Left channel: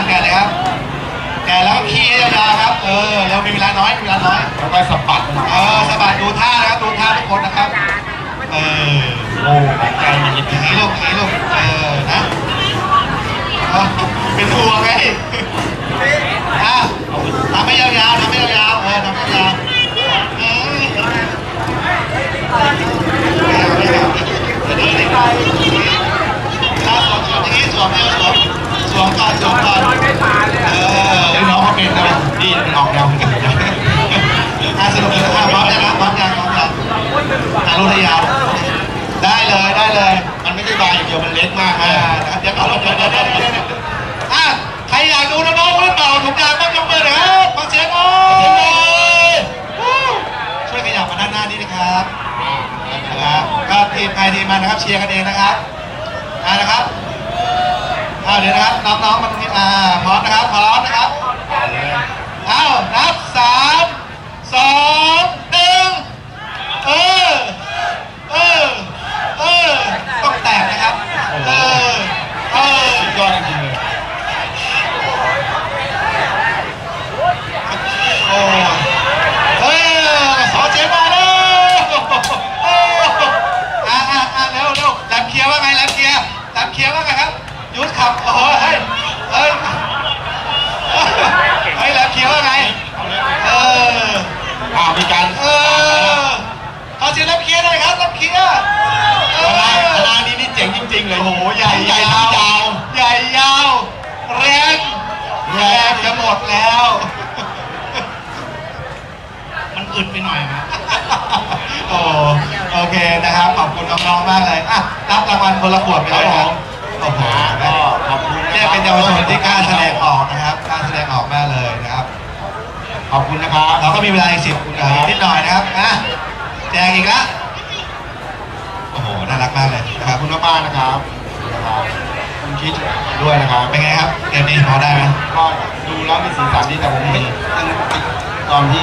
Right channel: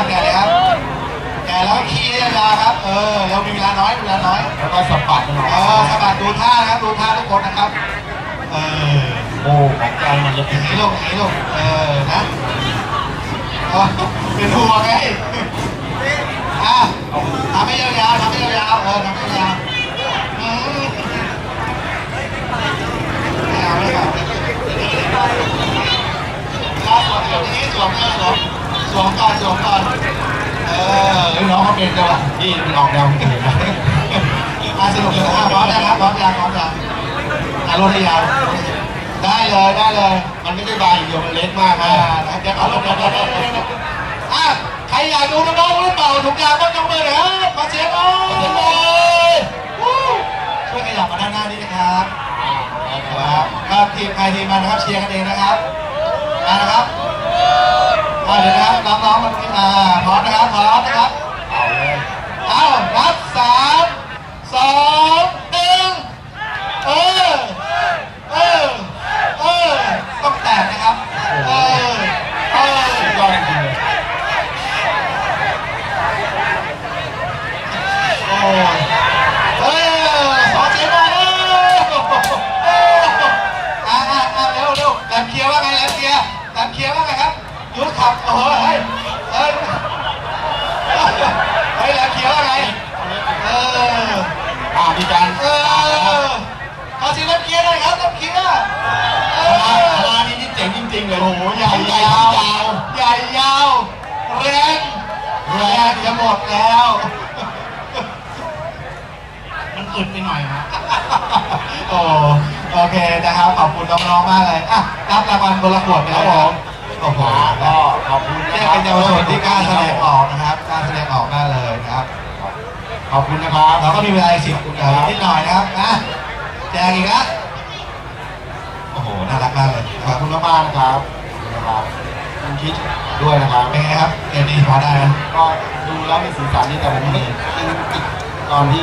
ครับแกะเลยครับแกะแล้วก็ขี้ให้ยาวๆครับเออเรามีเวลาน้อยมีเวลาน้อยแล้วก็สะบัดมันหน่อยเออสะบัดดูท่านะครับดูท่าทุกคนนะครับ เออโอ้ของแกมันเล็กอย่างนี้ลูกอย่างนี้ลูกเออนะเออเป็นห่วงไงอะ เอาไป ทำให้ยาวๆทำให้ยาวๆเออทำให้ยาวๆอืมไม่เอาไม่เอาเดี๋ยวนี้เดี๋ยวนี้เวลาสวมสวมอย่างนี้สวมไม่เอาสวมส วมก่อนสวมก่อนเออเดี๋ยน้องเขาเป็นด้วยนี่มันออกแนวอื่นนะอะสนุกนะครับพร้อมยังครับพร้อมยังพร้อมยังอะรูดให้ยาว ได้เลยได้เลย มันไม่ใช่บานอย่างเดียวมันเล็กมากอ่านะเดี๋ยวก่อนเดี๋ยวเดี๋ยวเดี๋ยวเดี๋ยวอะใครอยากดูน้องๆหรือเปล่าถุงยางบ้างยกมือหน่อยครับขอเสียงหน่อยช่วยขยับมาด้านหน้านี้นะครับครับทีมใครทีมมันนะครับเชียร์กันเองนะครับนะครับ อ่าเดี๋ยวนะครับน้องๆมาตรงนี้อ่าพร้อมนะครับพร้อมนะครับเอาเลยเอานับสามสองหนึ่งเออเออเออต้องแตกนะครับเออเออสุดยอดจริงๆเลยโอ้ยเออสองเสียงมาแล้วโอ้อ่าอ่าอ่าเร็วเร็วแหลมเคลียร์ว่าไงแหลมเคลียร์แหลมเคลียร์ว่าไงครับ ยุทธขับโอ้โหเฮ้ยเฮ้ยเฮ้ยแหลมเคลียร์ว่าไงเอาเลยเอออ่ามีการเออขอเสียงรับเคลียร์หน่อยครับรับเคลียร์เอคณะอคณะนี้นี่เจ๋งจริง ๆ เลยโอ้โหใหญ่ทั้งใหญ่ยาทั้งวยาวใหญ่ยาวแรงแรงจะหมดแล้ว มันอึดไปหน่อยครับโอ้โอเคนะครับ ขอบคุณน้องๆมากเลยอะรับรางวัลคนละขวดไปเลยครับ โอ้โหก็ขอบคุณนะเนี่ยครับเป็นเยาวชนที่กล้าแสดงออกนะครับกล้าแสดงออกมากเลยนะครับ ขอบคุณนะครับเราก็มีเวลาอีกสิบคุณครับนิดหน่อยนะครับอะแจกอีกล้วโอ้โหน่ารักมากเลยนะขคอรับบคุณมากๆนะครับขอบคุณนะครับคุณคิดด้วยนะครับ เป็นไงครับเกมนี้พอได้ไหม ก็ดูแล้วมีสีสันดีแต่ผมไม่ยังติดตอนที่